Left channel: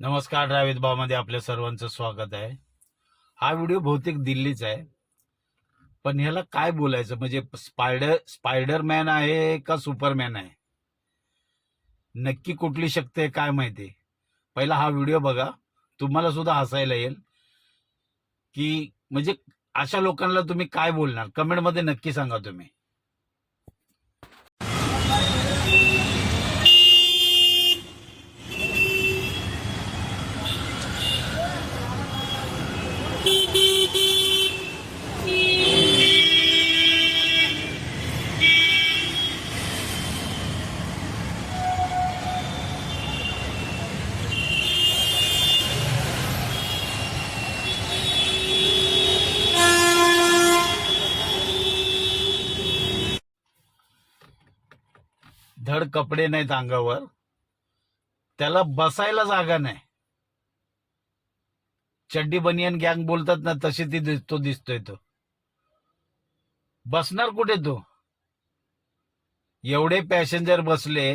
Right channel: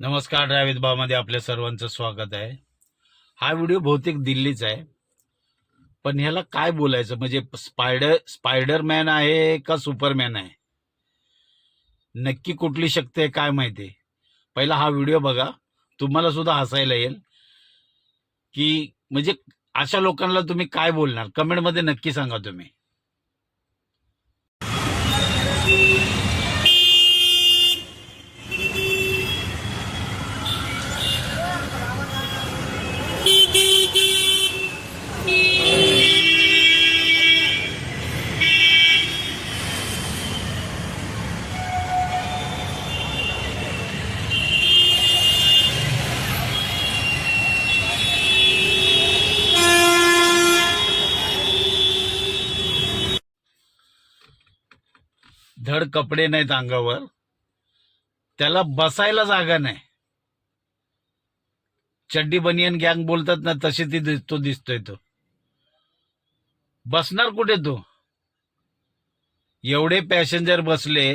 नमस्कार. ड्रायव्हित भावमध्ये आपल्या सर्वांचं स्वागत आहे. हा व्हिडिओ बहुतेक दिल्लीचा आहे, पण ह्याला काय बोलायचं म्हणजे स्पायडरमॅन आहे का सुपरमॅन आहे, नक्की कुठली शक्ती आहे काय माहिती. पहिला हा व्हिडिओ बघा, तुम्हाला सुद्धा हसायला येईल की म्हणजे अशा लोकांना तुम्ही काय बोलणार. कमेंटमध्ये नक्की सांगा तुम्ही. धड कपडे नाहीत अंगावर, त्याला बसायला जागा नाही. चड्डी बनियन गँग बोलतात ना, तशी ती दिसतोय तो. बसणार कुठे तो? एवढे पॅसेंजर बसले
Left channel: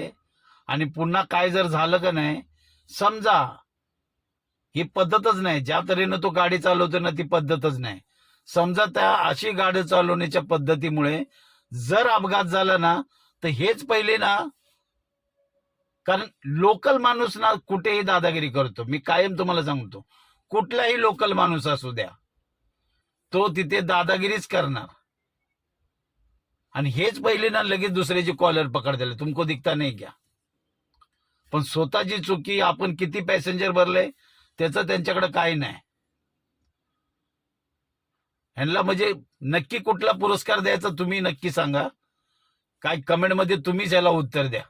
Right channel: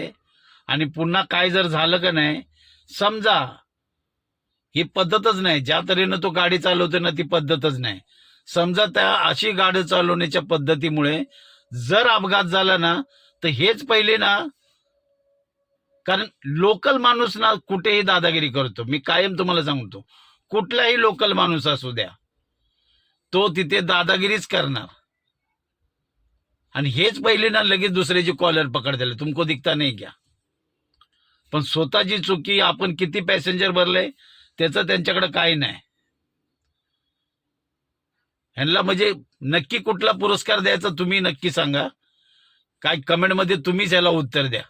आणि पुन्हा काय जर झालं का नाही, समजा ही पद्धतच नाही. ज्या तऱ्हेनं तो गाडी चालवतो ना, ती पद्धतच नाही. समजा त्या अशी गाडी चालवण्याच्या पद्धतीमुळे जर अपघात झाला ना, तर हेच पहिले ना, कारण लोकल माणूस ना कुठेही दादागिरी करतो. मी कायम तुम्हाला सांगतो, कुठलाही लोकल माणूस असू द्या, तो तिथे दादागिरीच करणार. आणि हेच पहिले ना लगेच दुसऱ्याची कॉलर पकडतील, तुमको दिखता नाही क्या. पण स्वतःची चुकी, आपण किती पॅसेंजर भरले त्याचं त्यांच्याकडे काही नाही. ह्यांना म्हणजे नक्की कुठला पुरस्कार द्यायचा तुम्ही नक्की सांगा. काय कमेंटमध्ये तुम्हीच याला उत्तर द्या.